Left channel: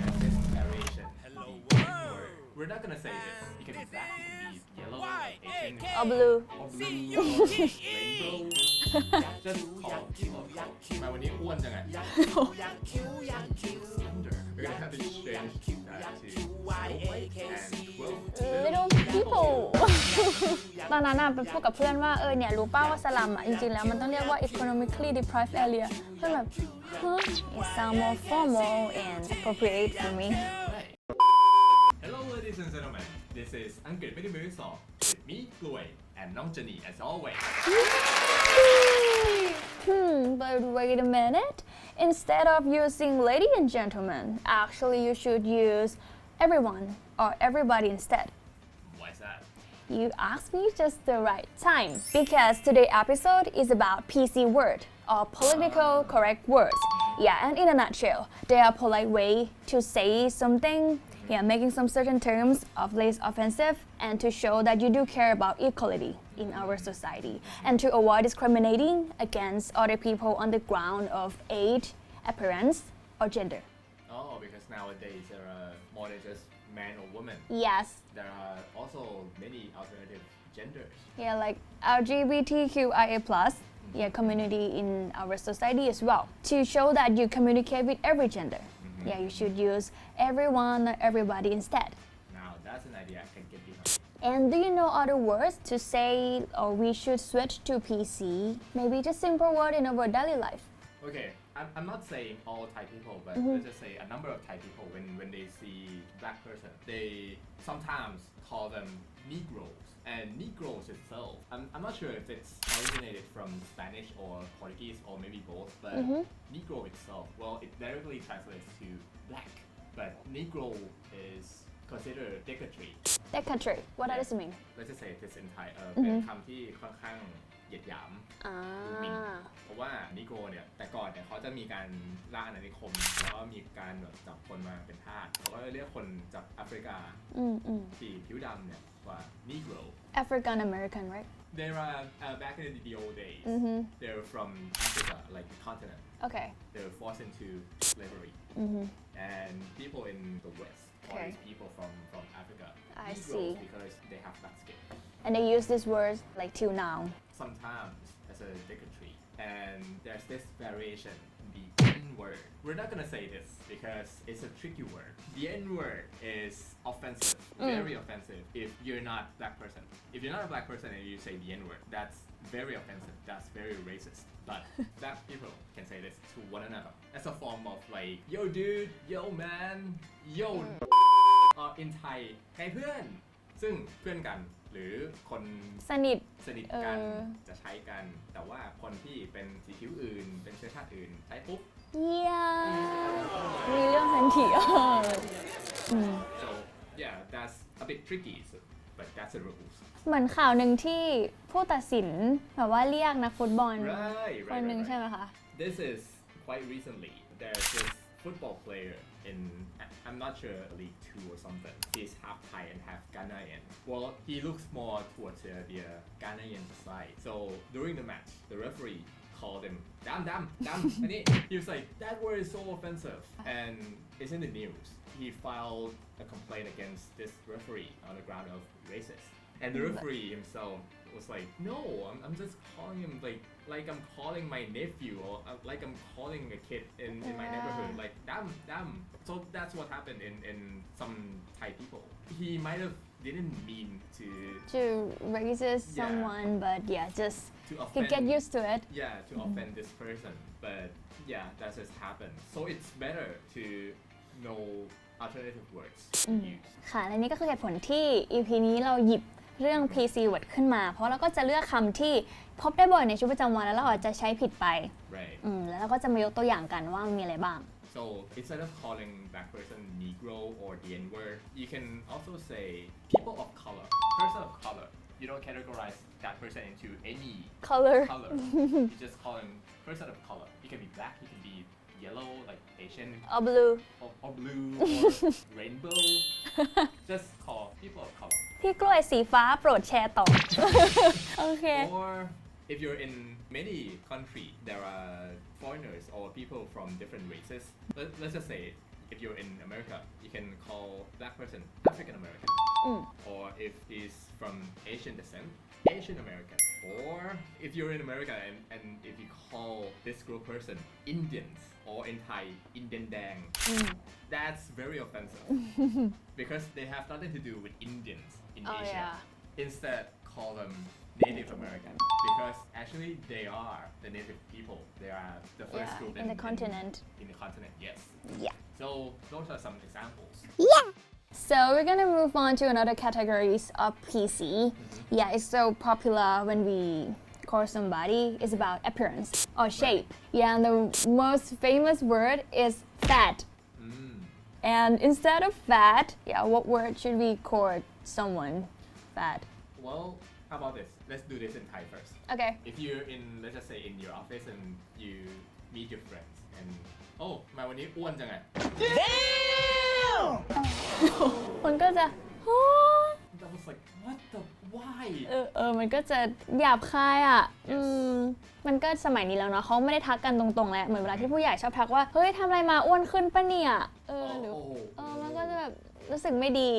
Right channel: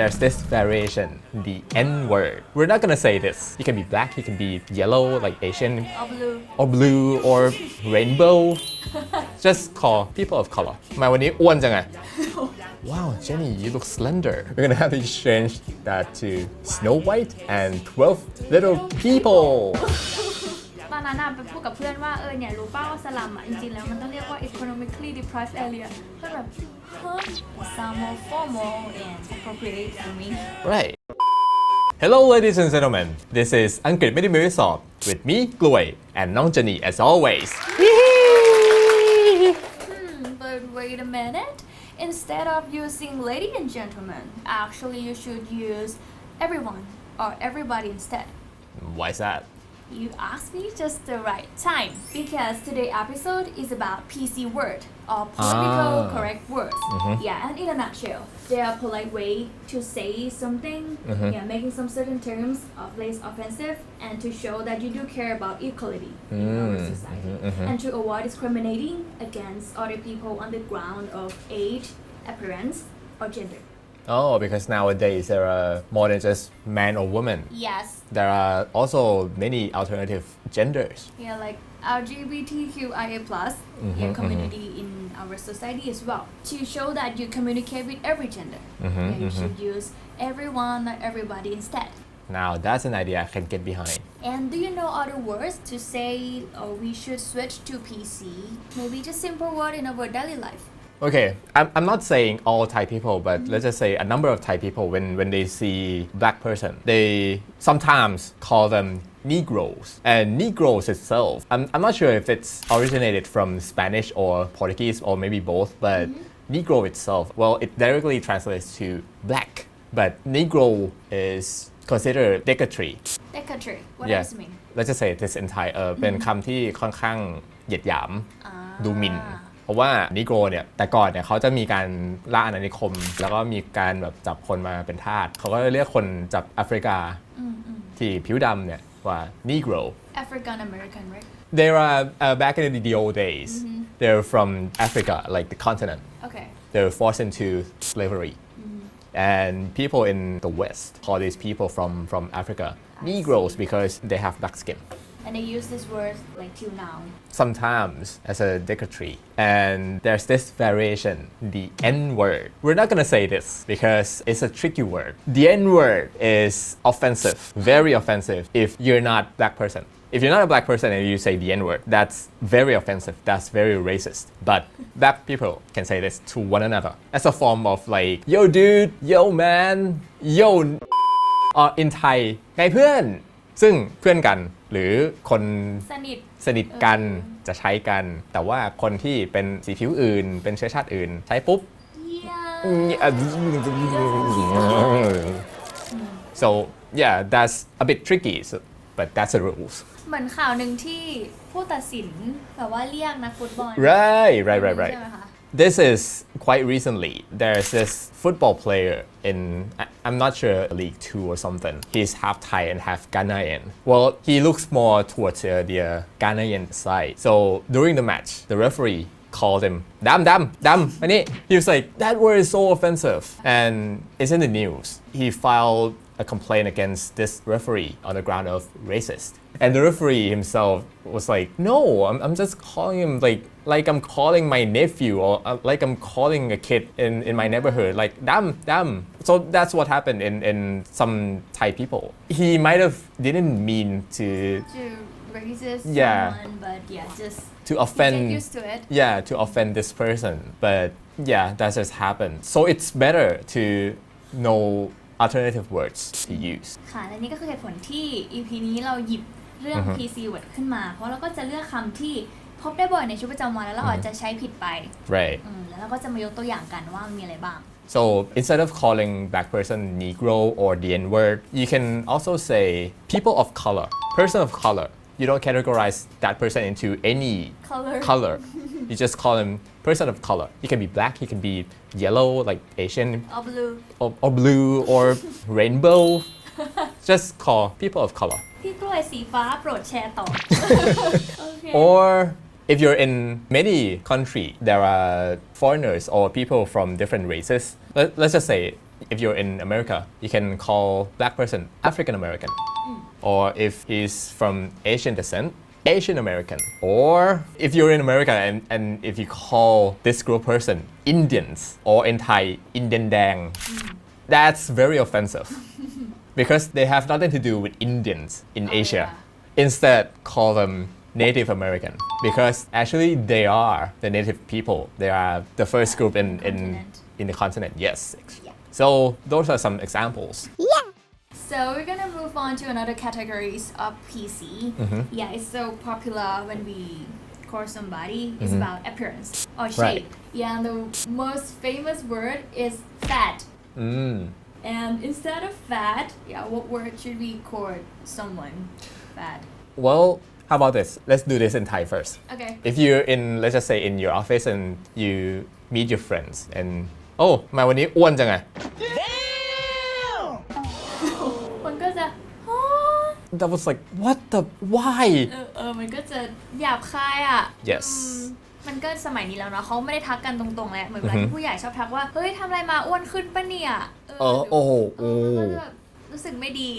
there's this variation, the N word. We're not gonna say this. You can be black, you can be yellow, like Asian, or blue or rainbow. Just call people of color. มาวันนี้อ้วนจังอะ Wow, Jenny, you look slender. We're gonna have to change that to Snow White and 12 little people. ตอนนั้นไปพูดกับเพื่อนว่าเนี่ยรู้ป่าวว่าสลัมจริงๆแล้วมันต้องเรียกว่า economically deprived area เพื่อนแบบit sound more formal and appropriate for me Right. Hello ladies and gentlemen. This is อังกฤษไม่ได้มือสอบ with me กล้วย and น้อง Jenny as always. But wait a minute. Instead of using lady and gentleman, actually you should use everyone or everybody instead. Why is that? You asked me just the right time because today's episode is about PC word or political correct words. Yeah, and in a nutshell, they are polite way to say something, making some certain terms of less offensive and to show that you do care about equality in our society and to avoid discriminating against other people on the ground of age, appearance, or gender.Oh, because nowadays there are more than just man or woman. Yes. There are also many alternative genders. Yeah, like LGBTQIA+, community in our society as well. To show that you communicate with every gender, you should use everyone or everybody instead. Now that's an idea I can get behind. And do you know other words to say or we should switch to PC? Maybe just simple word in our daily life.Okay, I'm not saying all Thai people, but let's just say a number of Thai people, when they see black person, they sometimes call them Negroes. And Negroes itself, I'm not sure if it's originated from Spanish or Portuguese or maybe both, but Negro itself, well, it directly translates to black. But Negro is considered derogatory. Derogatory, what does it mean? Let's just say this in Thai, เป็นคำที่ค่อนข้างเหยียดหยามดูหมิ่นเพราะว่านิโกรเนี่ยแต่ก่อนเนี่ยเขาจะมีการล่าอาณานิคมแล้วก็มีการแบบจับคนมาเป็นทาสเขาก็เรียกคนจากแอฟริกาที่ผิวดำเนี่ยว่า Negro African American right They are back in the old days they're from Africa like the continent Okay they were forced into slavery and people in the West call these people from Africa Negroes because they have black skin.And they use this word like till now. Sometimes as a derogatory. And there's this variation, the N word. We're not gonna say this because it's a tricky word. The N word is offensive, very offensive if you're not black person. If you're not a black person and you say the N word, that's very offensive, that's very racist. But black people can say this to one another as a form of like, yo dude, yo man, yo or in Thai ไงเพื่อนซึ่งเพื่อนกันหรือคนสนิทกันจะใช้กันแต่ว่าคนที่เป็นสีผิวอื่นเป็นเชื้อชาติอื่นใช้ปุ๊บ so yeah that's a bit tricky but that's the rules เหมือนข่าวหนึ่งที่ผู้ตัดสินแบบว่าเรียกนักฟุตบอล right This is quite recently. There's this football player in, I'm not sure, League 2 or something. He's half Thai and half Ghanaian. Well, he looks more towards the Ghanaian side. So during the match, the referee called him, Dam. He was like, that word is so offensive. And it's in the news. He filed a complaint against this referee on the ground of racist. And the referee himself was like, no, I'm just calling him like I'm calling my nephew or like I'm calling a kid in my neighborhood, like dam. So that's what happened in some Thai people. He might have didn't mean to racist someone, but just to offend, get used to it. Yeah, to offend this person. But yeah, that just happened. So it's better to know alternative words to use ค่ะและนี่ก็คือเหตุผลที่ EP นี้เราหยิบเรื่อง PC word ขึ้นมาเพราะเราก็จะเลือกคำที่พบได้บ่อยในชีวิตประจำวันแล้วเราอาจจะใช้ผิดไป Right แล้วเราก็จะมายกตัวอย่างกันว่ามีอะไรบ้าง So instead of calling black person Negro or the N word you can also say people of color person of color you don't categorize that person into any color. You just call him person of color. He can be black, he can be yellow, like Asian, or blue, or rainbow. Just call people of color. พี่กล้วยสีฟ้าโปรดแชร์ต่อ Okay. Or if you're in many countries, there are foreigners or people from different races. Let's just say if you're in America, you can call black person African American. Or if he's from Asian descent, Asian American. Or if you're in America and if you call this group person Indians, or in Thai, Indian Dang, that's very offensive because they have nothing to do with Indians in Asia. Instead, call them Native American because actually they are the native people. They are the first group in the continent. Yes. Yeah. So those are some examples. So we're gonna move on to another categories of PC. Yeah, it's so popular when we call somebody. It's about appearance or shape. Yeah, and the most famous word is fat. And instead of fat, yeah, what word should we call someone fat? Well, how about this? Let's do this in Thai first. Okay. If you're in, let's just say in your office and you meet your friends and oh มาวันนี้อ้วนจังไง มันก็จะ That was like what the why มันก็จะหยาบคายอ่ะ Yes มันก็สมัยนี้แล้วนะเขาไม่ได้ทักกันตรงๆแล้วเหมือนเวลาที่ผู้ใหญ่ชอบทักว่าเฮ้ยทำอะไรมาอ้วนขึ้นปะเนี่ยมันแบบรู้สึกไม่ดี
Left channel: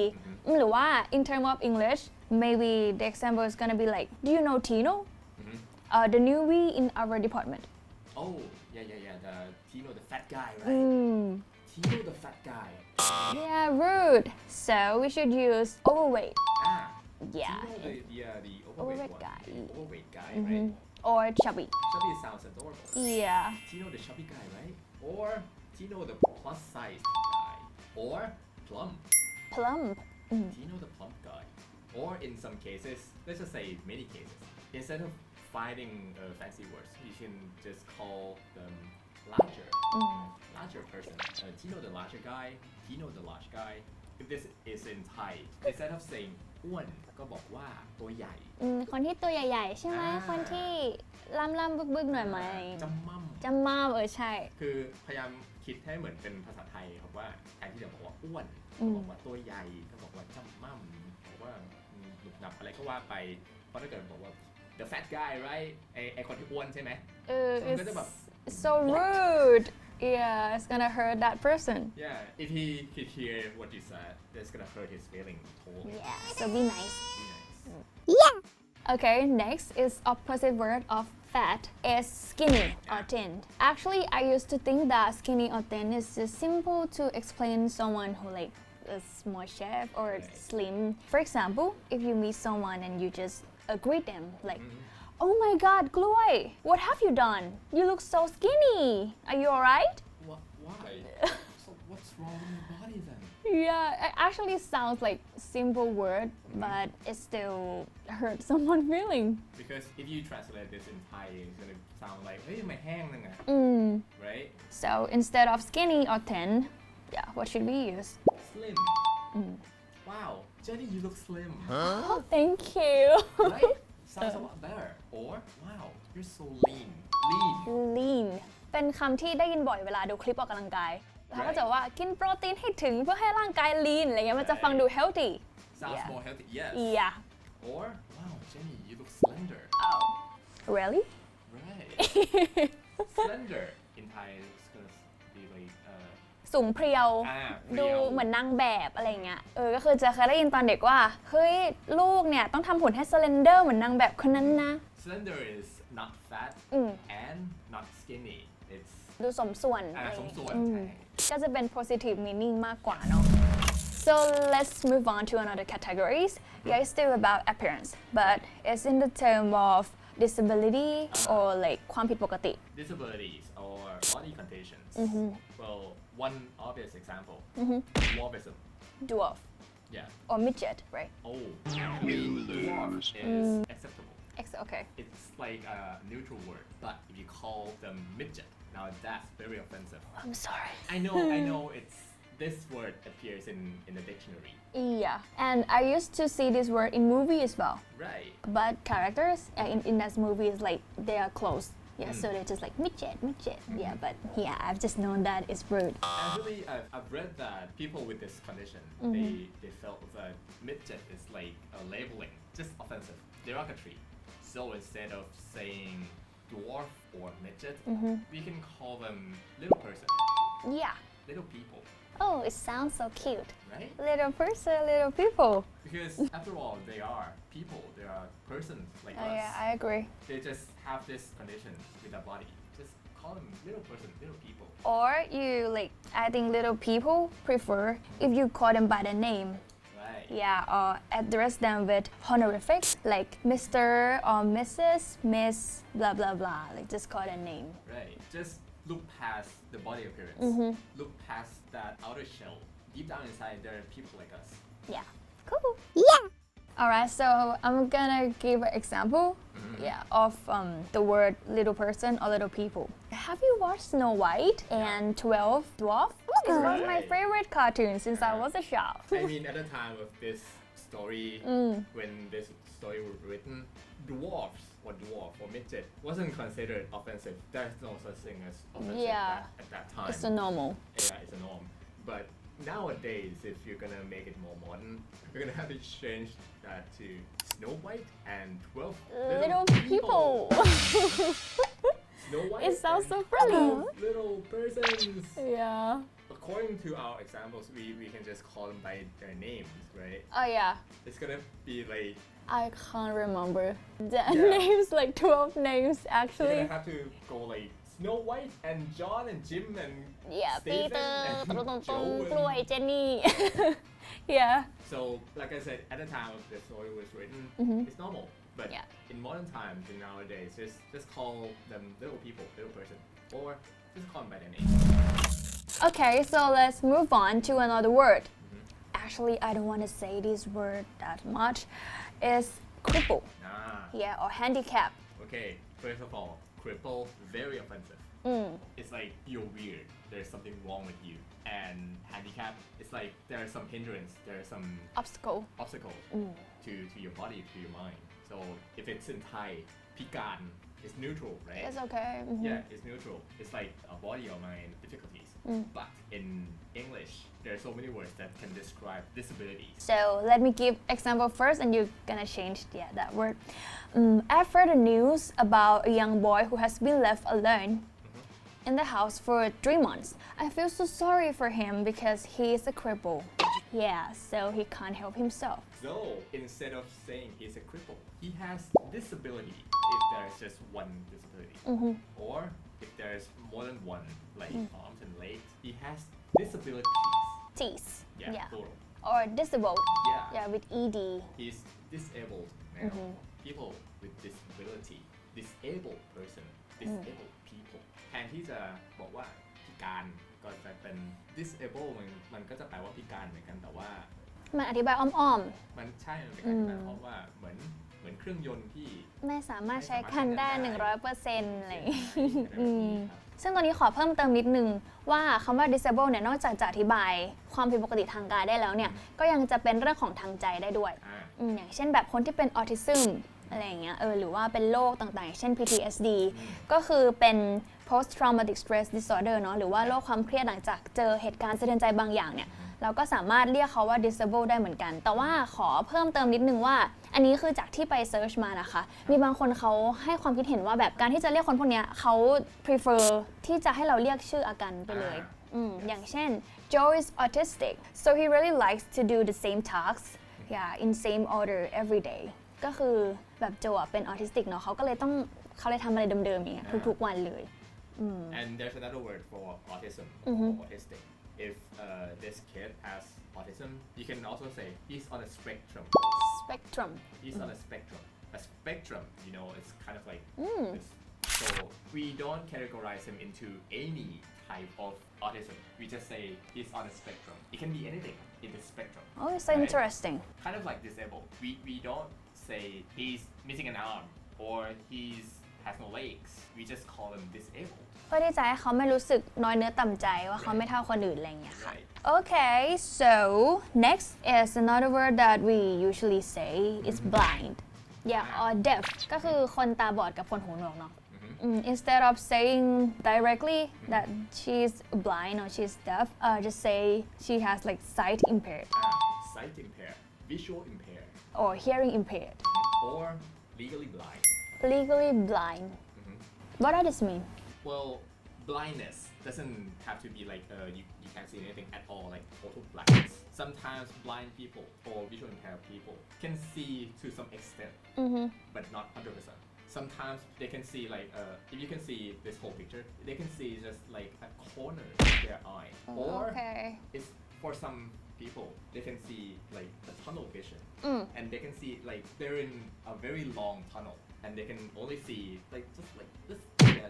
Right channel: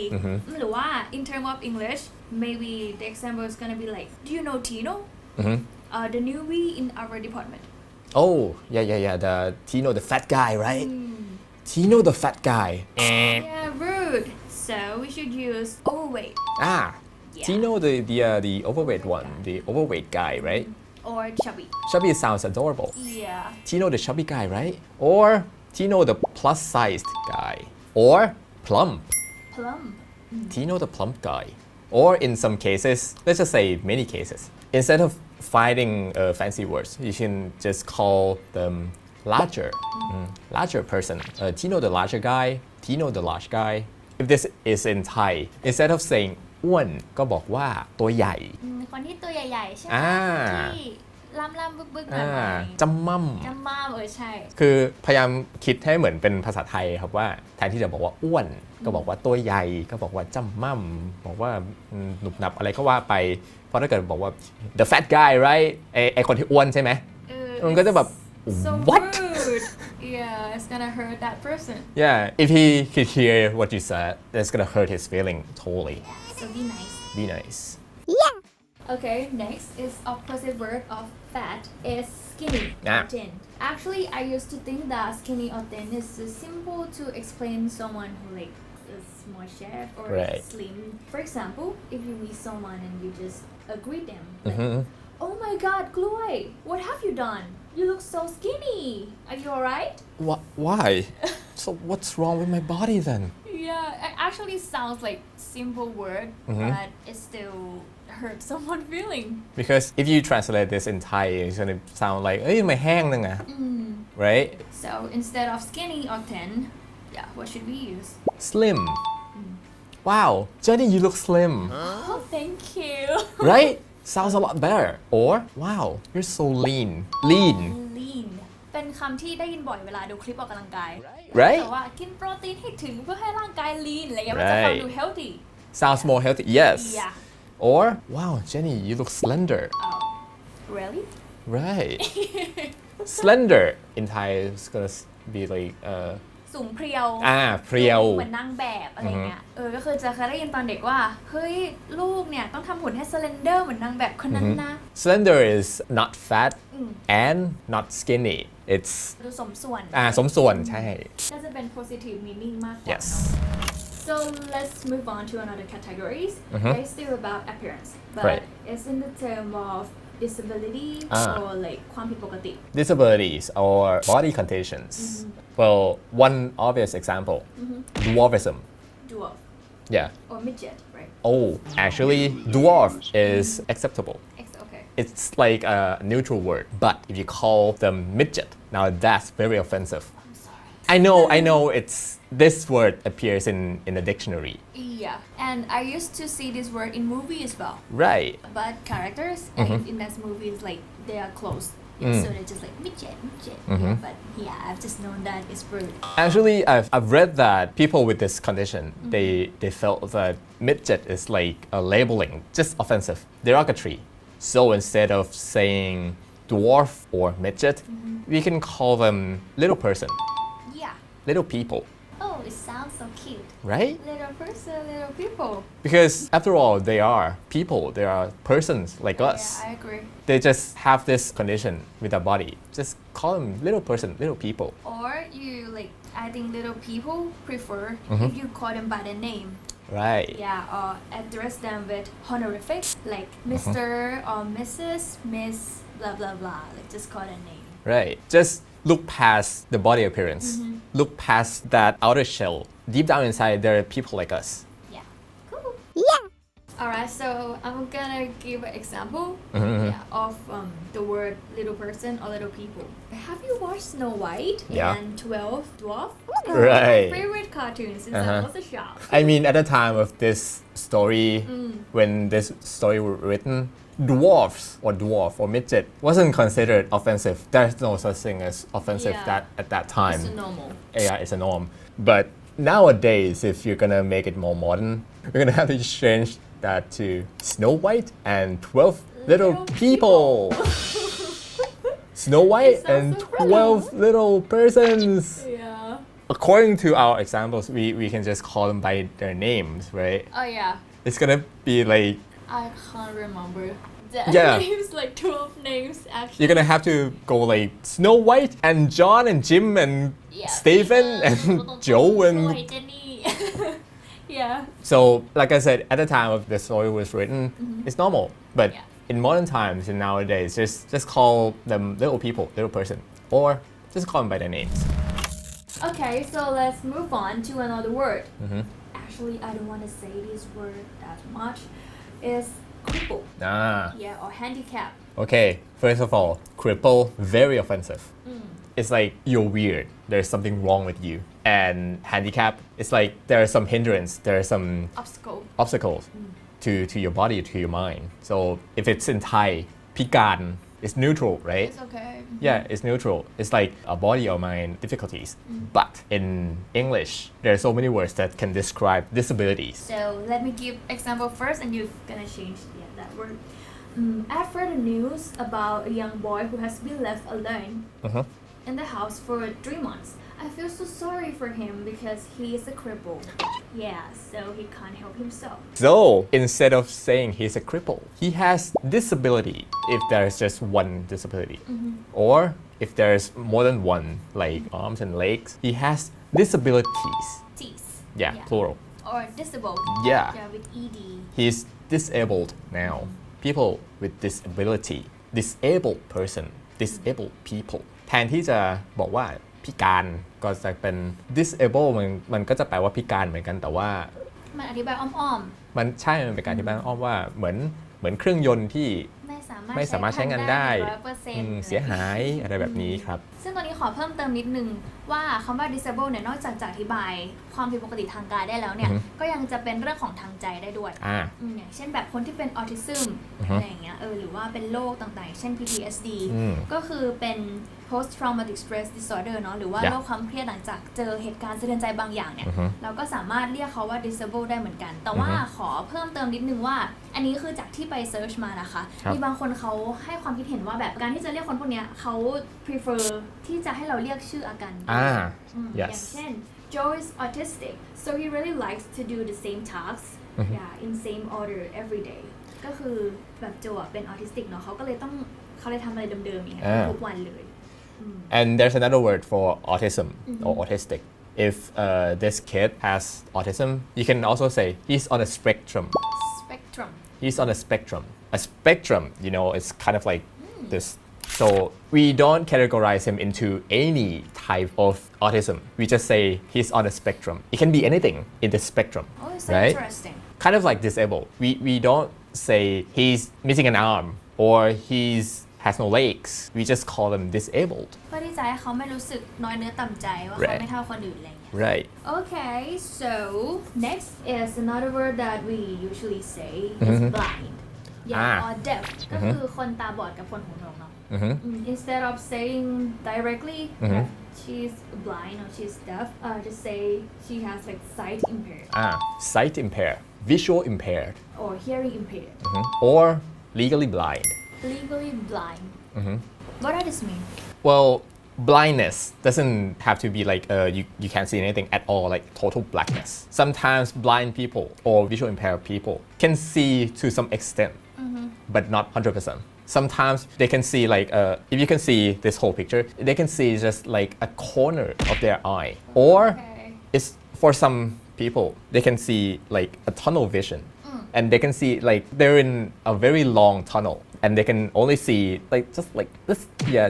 หรือว่า in term of English maybe the example is gonna be like do you know Tino the newbie in our department Oh yeah the Tino the fat guy right Tino the fat guy yeah rude so we should use overweight Tino the overweight one the overweight guy right or chubby Chubby sounds adorable yeah Tino the chubby guy right or Tino the plus sized guy or plump Tino the plump guy or in some cases let's just say many cases instead of finding fancy words you can just call them larger person Tino the larger guy Tino the large guy if this is in Thai instead of saying อ้วนก็บอกว่าตัวใหญ่คนที่ตัวใหญ่ๆใช่ไหมที่ล่ำๆบึกๆหน่อยจำม่ใช่คือพยายามคิดให้เหมือนเป็นภาษาไทยครับว่าแทนที่จะบอกว่าอ้วนก็บอกว่าตัวใหญ่ก็บอกว่าจำม่ำบอกว่าหนุบหนับอะไรก็ว่าไปเพราะถ้าเกิดบอกว่า the fat guy right ไอคนที่อ้วนใช่ไหมมันก็จะแบบ so what rude yeah it's gonna hurt that person yeah if he could hear what you said that's gonna hurt his feeling totally so be nice okay next is opposite word of fat is skinny or thin actually I used to think that skinny or thin is just simple to explain someone who like is more shape or slim for example if you meet someone and you just greet them like oh my god กล้วย what have you done you look so skinny are you alright why so what's wrong with my body then yeah it actually sounds like simple word but it still hurts someone feeling because if you translate this in Thai it's gonna sound like เอ้ยไม่แห้งนึงอะ right so instead of skinny or thin yeah what should we use slim wow Jenny you look slim oh thank you right sounds a lot better or wow you're so lean เป็นคำที่ได้ยินบ่อยเวลาดูคลิปออกกำลังกาย right แต่ว่ากินโปรตีนให้ถึงเพื่อให้ร่างกาย lean อะไรเงี้ยมันจะฟังดู healthy sounds more healthy yes yeah or wow Jenny you look slender really right slender in Thai is gonna be like สูงเพรียวเพรียวเหมือนนางแบบอะไรเงี้ยก็คือจะเคยได้ยินตอนเด็กว่าเฮ้ยลูกเนี่ยต้องทำหุ่นให้ slender เหมือนนางแบบคนนั้นนะ slender is not fat and not skinny it's ดูสมส่วนสมส่วนใช่ก็จะเป็น positive meaning มากกว่าเนาะ so let's move on to another categories it's still about appearance but it's in the term of disability or like ความผิดปกติ disabilities or body conditions well one obvious example dwarfism dwarf yeah or midget right oh actually dwarf is acceptable okay it's like a neutral word but if you call them midget now that's very offensive I'm sorry I know it's this word appears in the dictionary yeah and I used to see this word in movie as well right but characters in that movie is like they are close so they're just like midget yeah but yeah I've just known that it's rude actually I've read that people with this condition they felt that midget is like a labeling just offensive derogatory so instead of saying dwarf or midget we can call them little person little people Oh, it sounds so cute. right? Little person, little people. Because after all, they are people, they are persons like us. Yeah, I agree. They just have this condition with their body. Just call them little person, little people. Or you like, I think little people prefer if you call them by the name. Right. Yeah, or address them with honorific, like Mr. or Mrs., Miss, blah blah blah. Like just call their name. Right. Just look past the body appearance. Look past that outer shell. Deep down inside, there are people like us. Yeah. Cool. Alright, so I'm gonna give an example of the word little person or little people. Have you watched Snow White Yeah. and 12 Dwarfs? Right. My favorite cartoon since I was a child. I mean, at the time of this story, when this story was written, dwarfs or dwarf or midget wasn't considered offensive. There's no such thing as offensive Yeah. that at that time. It's a normal. Yeah, it's a norm. But nowadays, if you're gonna make it more modern, we're gonna have to change that to Snow White and 12 little people. Snow White It sounds and so pretty. 12 little persons. Yeah. According to our examples, we can just call them by their names, right? Oh yeah. It's gonna be like, I can't remember. The Yeah. names, like 12 names actually. you're gonna have to go like Snow White and John and Jim and Yeah, Stephen and Joe and Jenny. Yeah. so like I said, at the time of the story was written, it's normal. But Yeah. in modern times and nowadays, just call them little people, little person, or just call them by their names. Okay, so let's move on to another word. Actually, I don't want to say this word that much. It's cripple. Yeah, or handicap. Okay, first of all, cripple, very offensive. It's like you're weird. There's something wrong with you. And handicap, it's like there are some hindrance, there are some Obstacle. obstacles to your body, to your mind. So if it's in Thai, พิการ it's neutral, right? It's okay. Yeah, it's neutral. It's like a body or mind difficulties. But in English, there are so many words that can describe disabilities. So let me give example first and you're gonna change that word. I've heard the news about a young boy who has been left alone in the house for 3 months. I feel so sorry for him because he is a cripple. Yeah, so he can't help himself. So instead of saying he's a cripple, he has disability if there's just one disability. Or if there's more than one, like arms and legs, he has disabilities. Teeth. Yeah, plural. Or disabled. Yeah. Yeah, with ED. He's disabled now. People with disability, disabled person, disabled people. แทนที่จะบอกว่าพิการก็จะเป็น disable มันก็จะแปลว่าพิการเหมือนกันแต่ว่า มันอธิบายอ้อม มันใช่มันเป็นการที่แปลอ้อมว่าเหมือนเครื่องยนต์ที่ ๆ ไม่สามารถ ใช้งานได้ 100% เสียหายอะไรแบบนี้ครับ ซึ่งตอนนี้ขอเพิ่มเติมนิดนึงว่าคำว่า disable เนี่ยนอกจากจะอธิบายความผิดปกติทางกายได้แล้วเนี่ยก็ยังจะเป็นเรื่องของทางใจได้ด้วยอย่างเช่นแบบคนที่เป็นออทิซึมอะไรอย่างเงี้ยหรือว่าเป็นโรคต่างๆอย่างเช่น PTSD ก็คือเป็น post traumatic stress disorder เนาะหรือว่าโรคความเครียดหลังจากเจอเหตุการณ์สะเทือนใจบางอย่างเนี่ยเราก็สามารถเรียกเขาว่า disable ได้เหมือนกัน แต่ว่าขอเพิ่มเติมนิดนึงว่าอันนี้คือจากที่ไป search มานะคะมีบางคนเขาให้ความคิดเห็นว่าแบบการที่จะเรียกคนพวกเนี้ยเขา prefer ที่จะให้เราเรียกชื่ออาการอย่างเช่น Joe is autistic so he really likes to do the same tasks in same order every day ก็คือแบบโจเป็นออทิสติกเนาะเขาเลยทำอะไรเดิมๆอย่างเงี้ยทุกวันเลยAnd there's another word for autism or autistic. If this kid has autism, you can also say he's on a spectrum. Spectrum. He's on a spectrum. A spectrum, it's kind of like this. So we don't categorize him into any type of autism. We just say he's on a spectrum. It can be anything in the spectrum. Oh, it's so right? interesting. Kind of like disabled. We don't say he's missing an arm or he's has no legs. We just call them disabled. เพื่อที่จะให้เขาไม่รู้สึกน้อยเนื้อต่ำใจว่าเขาไม่เท่าคนอื่นอะไรอย่างเงี้ย Right. Okay, so next is another word that we usually say is blind. Yeah, or deaf. ก็คือคนตาบอดกับคนหูหนวกเนาะ Instead of saying directly that she's blind or she's deaf, just say she has like sight impaired. Sight impaired, visual impaired, or hearing impaired, or legally blind. legally blind. What does this mean? Well, blindness doesn't have to be like you can't see anything at all, like total blackness. Sometimes blind people or visual impaired people can see to some extent, but not 100%. Sometimes they can see like if you can see this whole picture, they can see just like a corner of their eye, or it's for some people they can see like a tunnel vision, and they can see like they're in a very long tunnel and they can only see like just like this,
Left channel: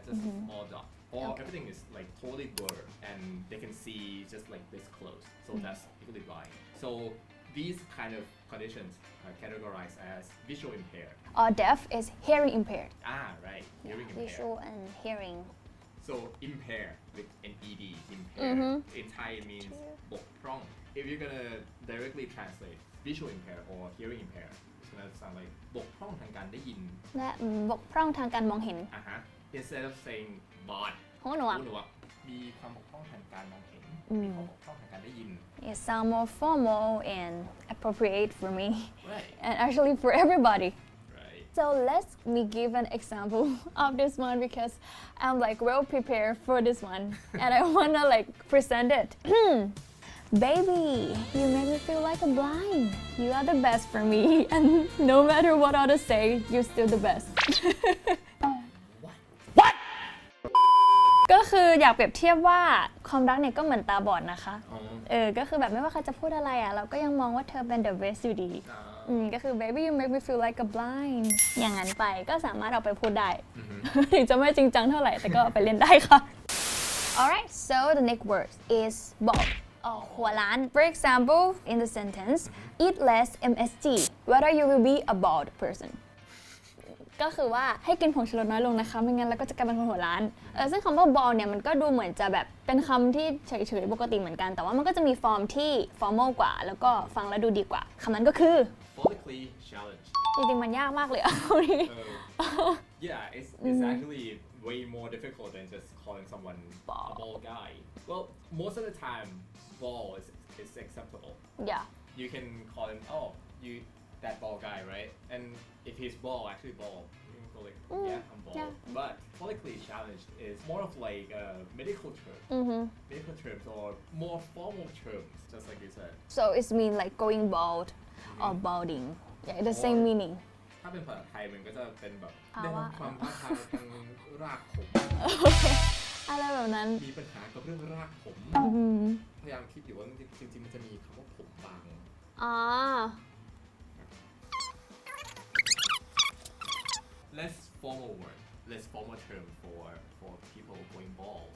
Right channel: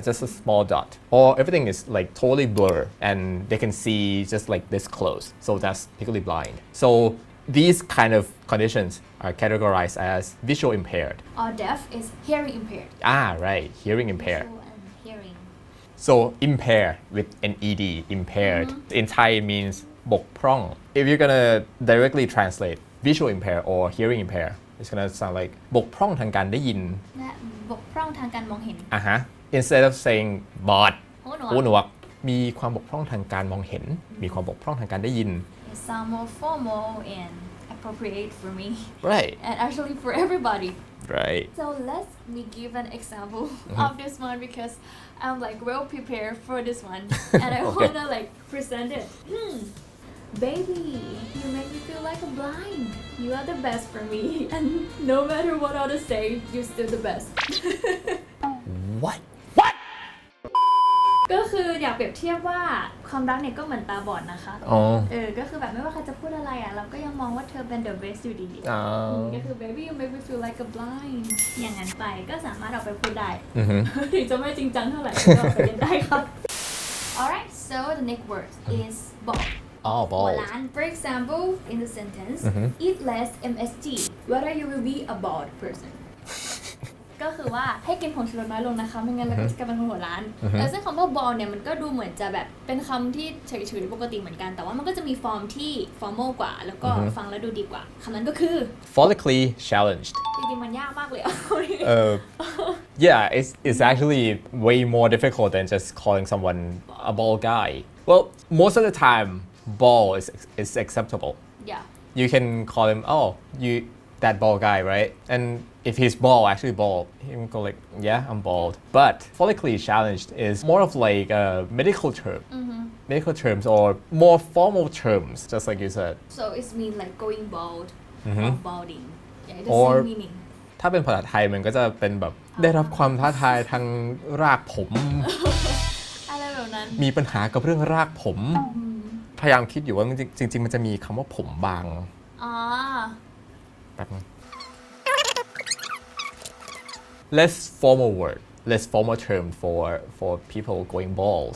just a small dot, or everything is like totally blur and they can see just like this close, so that's legally blind. So these kind of conditions are categorized as visual impaired. Or deaf is hearing impaired. Right, hearing impaired. Visual and hearing. So impair with an ed, impaired. In Thai it means บกพร่อง If you're gonna directly translate visual impair or hearing impair, it's gonna sound like บกพร่องทางการได้ยิน และบกพร่องทางการมองเห็น Instead of saying บอด หูหนวก หูหนวกมีความบกพร่องทางการมองเห็น มีความบกพร่องทางการได้ยิน It sounds more formal and appropriate for me. Right. And actually for everybody. Right. So let me give an example of this one because I'm like well prepared for this one and I wanna like present it. Baby, you make me feel like a blind. You are the best for me and no matter what others say, you're still the best. What? ก็คืออยากเปรียบเทียบว่าความรักเนี่ยก็เหมือนตาบอดนะคะ ก็คือแบบไม่ว่าใครจะพูดอะไรเราก็ยังมองว่าเธอเป็น the best อยู่ดีก็คือ baby you make me feel like a blind อย่างนั้นไปก็สามารถเอาไปพูดได้ถึงจะไม่จริงจังเท่าไหร่ก็เอาไปเล่นได้ครับ alright so the next word is bald bald หัวล้าน for example in the sentence eat less MSG whether you will be a bald personก็คือว่าให้กินผงชูรสน้อยลงนะคะไม่งั้นเราก็จะกลายเป็นคนหัวล้านซึ่งคำว่า bald เนี่ยมันก็ดูเหมือนจะแบบเป็นคำที่เฉยๆปกติเหมือนกันแต่ว่ามันก็จะมีฟอร์มที่ formal กว่าแล้วก็ฟังแล้วดูดีกว่าคำนั้นก็คือ follically challenged จริงๆมันยากมากเลยYeah, it's actually way more difficult than just calling someone a bald guy. Well, most of the time, bald is acceptable. Yeah. You can call him, that bald guy, right? And if he's bald, actually bald, he can go like, yeah, I'm bald. But follically challenged is more of like a medical term, medical terms or more formal terms, just like you said. So it's mean like going bald or balding. Yeah, the Or same meaning. ถ้าเป็นภาษาไทยมันก็จะเป็นแบบได้รับความท้าทายทางรากผม อะไรแบบนั้น มีปัญหากับเรื่องรากผม พยายามคิดอยู่ว่าจริงๆมันจะมีคำว่าผมบางแบบนี้ Less formal word, less formal term for people going bald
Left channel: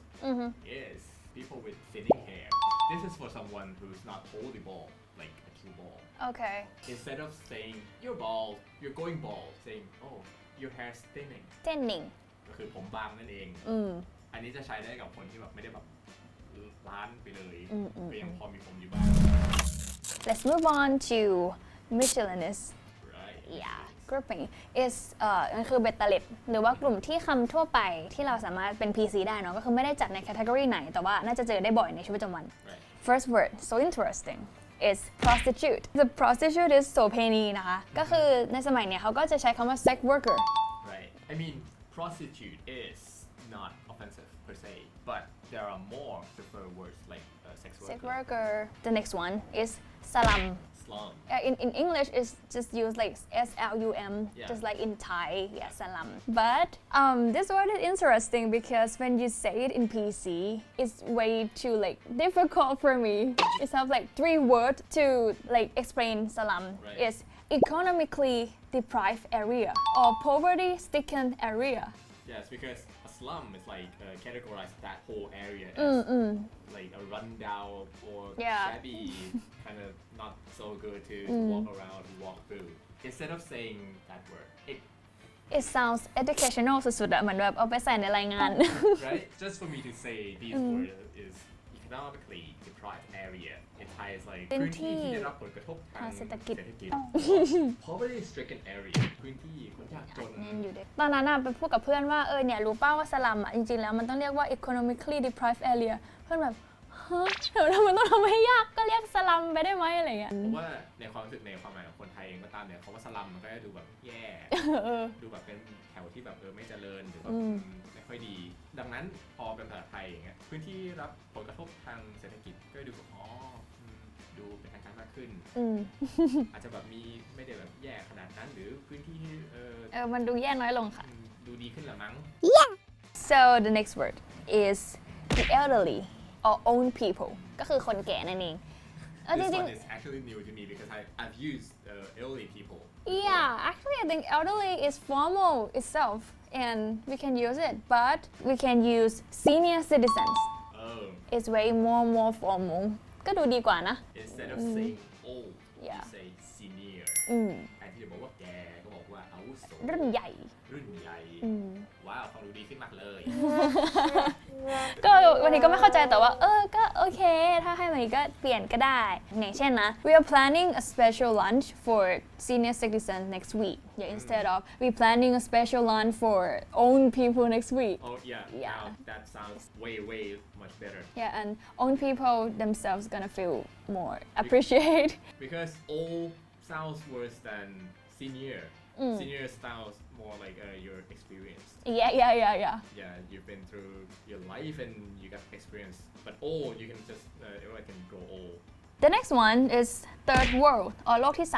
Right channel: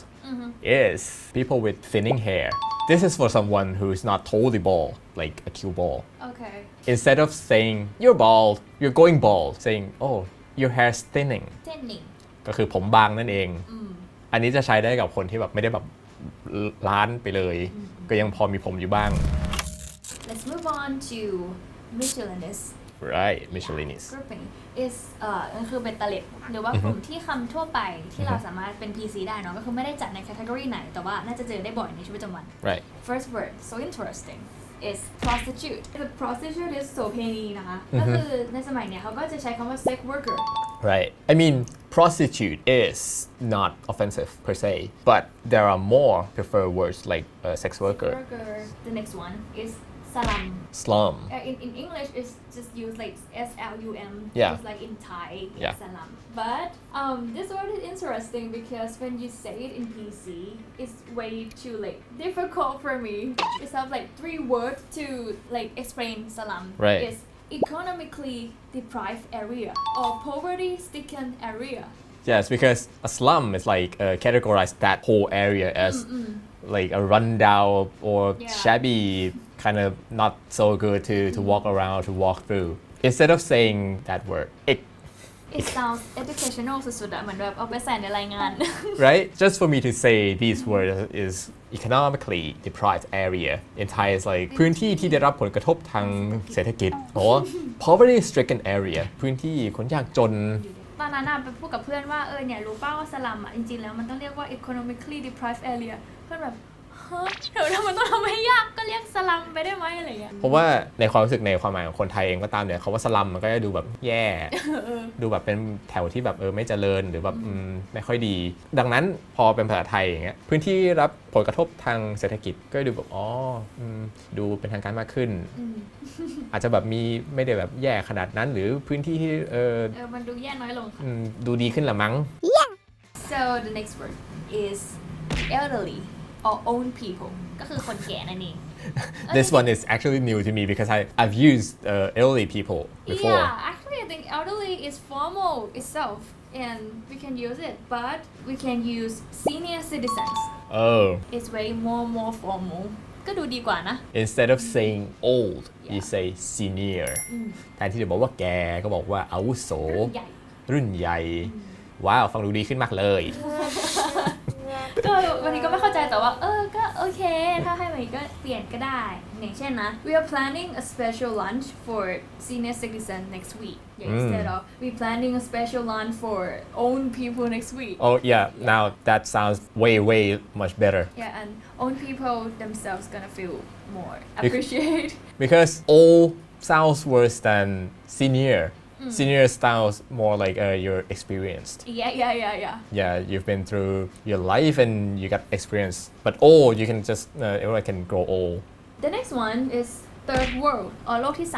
is people with thinning hair. This is for someone who is not totally bald, like a cue ball. Okay. Instead of saying you're bald, you're going bald, saying your hair's thinning. Thinning. ก็คือผมบางนั่นเอง อันนี้จะใช้ได้กับคนที่แบบไม่ได้แบบล้านไปเลย ก็ยังพอมีผมอยู่บ้าง Let's move on to Miscellaneous. Right, Miscellaneous. Grouping is คือเบ็ดเตล็ดหรือว่ากลุ่มที่คำทั่วไปที่เราสามารถเป็น PC ได้เนาะก็คือไม่ได้จัดใน category ไหนแต่ว่าน่าจะเจอได้บ่อยในชีวิตประจำวัน Right. First word so interesting is prostitute. The prostitute is โสเภณีนะคะก็คือในสมัยเนี้ยเขาก็จะใช้คำว่า sex worker. Right. I mean, prostitute is not offensive per se, but there are more preferred words like sex worker. Sex worker. The next one is slum. Slum. In English, it's just used like SLUM, Yeah. just like in Thai, Yeah. slum. But this word is interesting because when you say it in PC, it's way too like difficult for me. It's have like 3 words to like explain slum. Right. It's economically deprived area or poverty-stricken area. Yes, because a slum is like categorize that whole area as like a rundown or shabby, kind of not so good to walk around, to walk through. Instead of saying that word, It sounds educational สุดๆอะเหมือนแบบเอาไปใส่ในรายงาน right? Just for me to say these words is economically deprived area. In Thai is like พื้นที่ที่ได้รับผลกระทบทางเศรษฐกิจ or poverty stricken area พื้นที่คนยากจน ตอนนั้นไปพูดกับเพื่อนว่าเนี่ยรู้ป่าวว่าสลัมจริงๆแล้วมันต้องเรียกว่า economically deprived area เพื่อนแบบเฮ้ยทำไมต้องทำให้ยากก็เรียกสลัมไปได้ไหมอะไรเงี้ย เพราะว่าในความรู้สึกในความหมายของคนไทยเองก็ตามเนี่ยเขาว่าสลัมมันก็จะดูแบบแย่ ดูแบบเป็นแถวที่แบบไม่เจริญหรือแบบไม่ค่อยดี ดังนั้นพอเป็นภาษาไทยอย่างเงี้ยพื้นที่รับผลกระทบทางเศรษฐกิจก็ดูแบบดูเป็นทางการมากขึ้น อาจจะแบบมีไม่ได้แบบแย่ขนาดนั้นหรือพื้นที่ที่มันดูแย่น้อยลงค่ะดูดีขึ้นละมั้ง So the next word is the elderly or old people ก็คือคนแก่นั่นเอง This one is actually new to me because I've used elderly people before. Yeah, actually I think elderly is formal itself and we can use it, but we can use senior citizens. Oh. It's way more formal. ก็ดูดีกว่านะ Instead of saying old, you say senior. แทนที่จะบอกว่าแกก็บอกว่าอาวุโส รุ่นใหญ่ ว้าวฟังดูดีขึ้นมากเลย ก็วันนี้ก็ไม่เข้าใจแต่ว่าก็โอเคถ้าให้วันนี้ก็เปลี่ยนก็ได้อย่างเช่นนะ we are planning a special lunch for senior citizen next week instead of we planning a special lunch for old people next week oh yeah now that sounds way much better yeah and old people themselves gonna feel more appreciate because old sounds worse than senior Senior sounds more like you're experienced. Yeah, you've been through your life and you got experience. But old, you can just everyone can grow old. The next one is third world or โลกที่ 3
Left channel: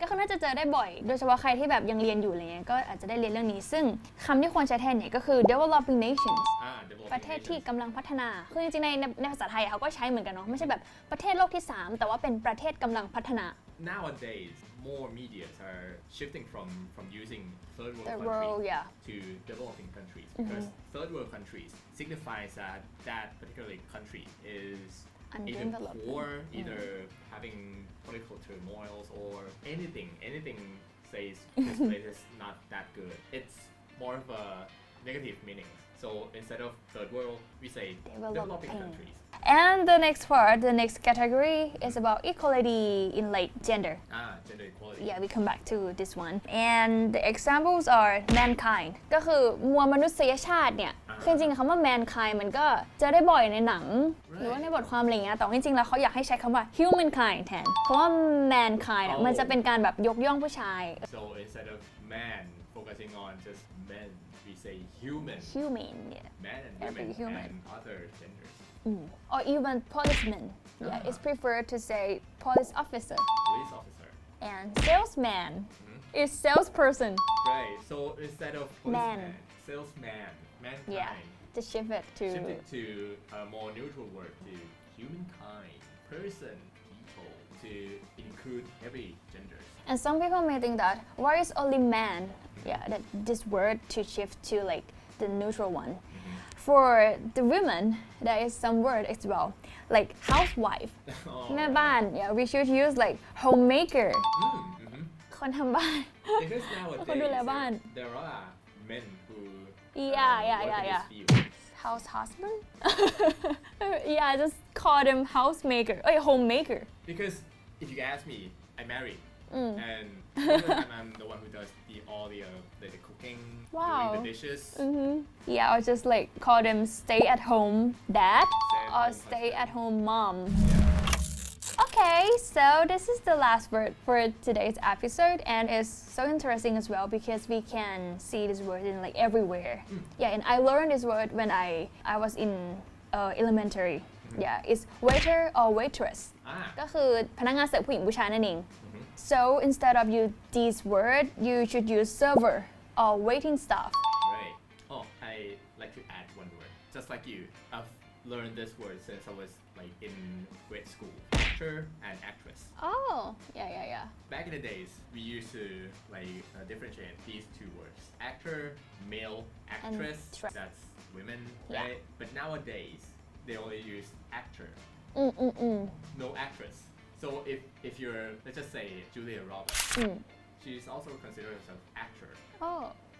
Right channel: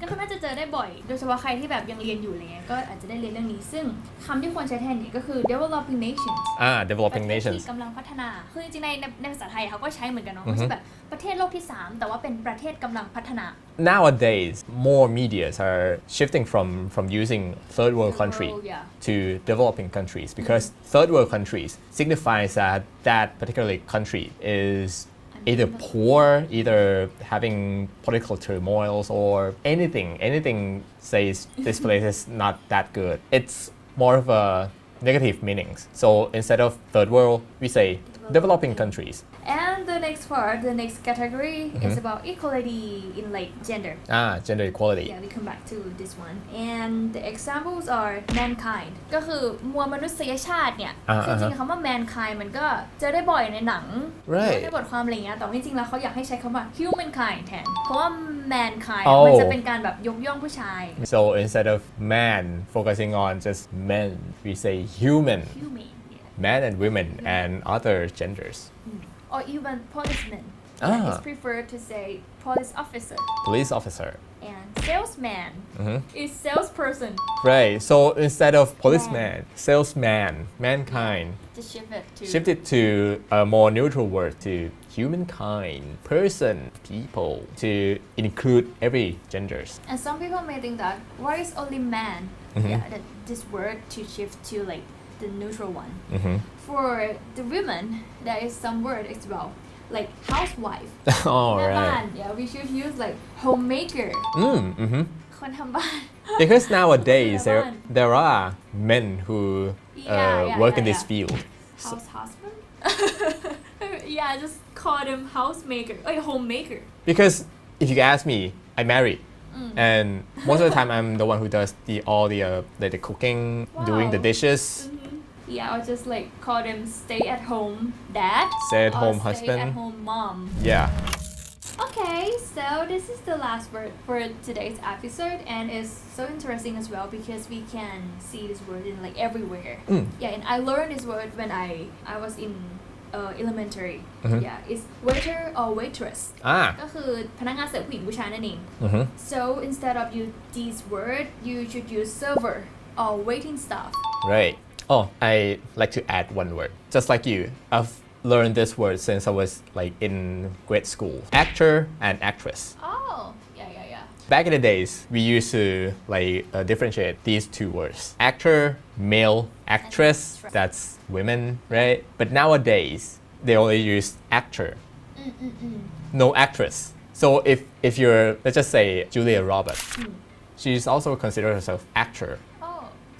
ก็คือน่าจะเจอได้บ่อย โดยเฉพาะใครที่แบบยังเรียนอยู่เลยก็อาจจะได้เรียนเรื่องนี้ซึ่งคำที่ควรใช้แทนเนี่ยก็คือ developing nations developing ประเทศ nations ที่กำลังพัฒนาคือจริงๆในภาษาไทยเขาก็ใช้เหมือนกันเนาะไม่ใช่แบบประเทศโลกที่ 3 แต่ว่าเป็นประเทศกำลังพัฒนา Nowadays, more medias are shifting from using third world country to developing countries because third world countries signifies that particular country is either poor, either having political turmoils or anything says this place is not that good. It's more of a negative meanings. So instead of third world, we say developing countries. And the next part, the next category is about equality in like gender. Gender equality. Yeah, we come back to this one. And the examples are mankind. ก็คือมวลมนุษยชาติเนี่ยจริงๆคำว่า mankind มันก็เจอได้บ่อยในหนังในบทความอะไรเงี้ยแต่จริงๆแล้วเขาอยากให้ใช้คำว่า humankind แทนเพราะว่า mankind มันจะเป็นการแบบยกย่องผู้ชาย So instead of man focusing on just men, we say human. Men and women and other genders. Or even policemen. It's preferred to say police officer. Police officer. And salesman is salesperson. Right. So instead of policeman, salesman, mankind. Just shift it to a more neutral word to humankind, person, people, to include every genders. And some people may think that why is only man? That this word to shift to like the neutral one. For the women, there is some word as well, like housewife. Right. Yeah, we should use like homemaker. คนทำบ้าน Because nowadays there are men who work in this field. House husband? Yeah, just call them housemaker or homemaker. Because if you ask me, I'm married. And most of the time I'm the one who does all the cooking, doing the dishes. Yeah, or just like call them stay at home dad. Stay at home stay husband. at home mom. Yeah. Okay, so this is the last word for today's episode and it's so interesting as well because we can see this word in like everywhere. Yeah, and I learned this word when I was in elementary. Yeah, it's waiter or waitress. ก็คือพนักงานเสิร์ฟผู้หญิงผู้ชายนั่นเอง So instead of use this word, you should use server or waiting staff. Right. Oh, I like to add one word. Just like you, I've learned this word since I was like in grade school. Actor and actress. Oh, yeah. Back in the days, we used to like differentiate these two words. Actor, male, actress, that's women, right? But nowadays, they only use actor. No actress. So if you're, let's just say Julia Roberts, she's also considered herself actor.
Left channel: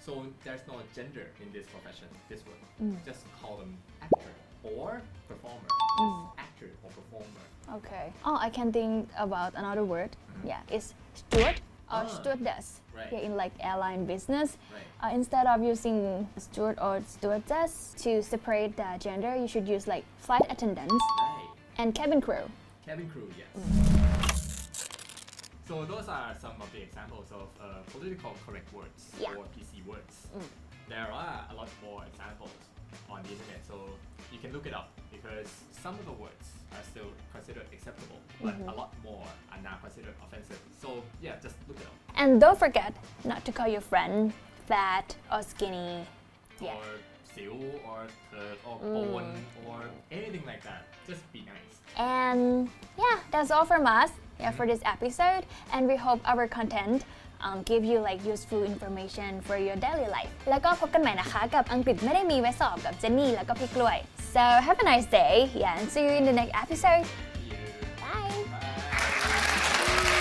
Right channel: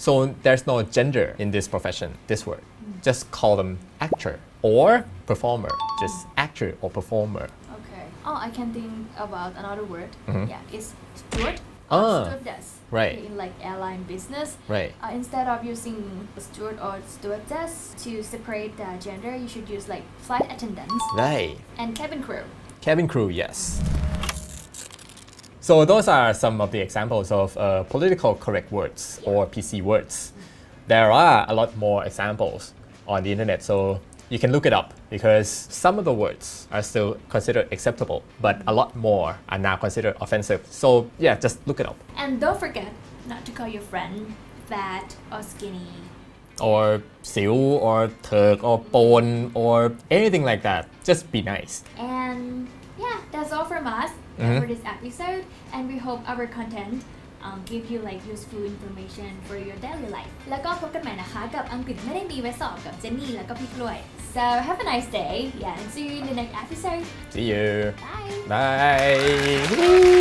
So there's no gender in this profession, this word. Just call them actor or performer. Just actor or performer. Okay. Oh, I can think about another word. Yeah, it's steward or stewardess. Right. In like airline business. Right. Instead of using steward or stewardess to separate the gender, you should use like flight attendants. Right. And cabin crew. Cabin crew, yes. So those are some of the examples of political correct words or PC words. There are a lot more examples on the internet, so you can look it up because some of the words are still considered acceptable, but a lot more are now considered offensive. So yeah, just look it up. And don't forget not to call your friend fat or skinny. Or siu, or turk, or pon, or anything like that. Just be nice. And yeah, that's all from us for this episode. And we hope our content give you like useful information for your daily life. แล้วก็พบกันใหม่นะคะกับอังกฤษไม่ได้มีไว้สอบกับเจนนี่แล้วก็พี่กล้วย So have a nice day. Yeah, and see you in the next episode. See you. Bye. Bye.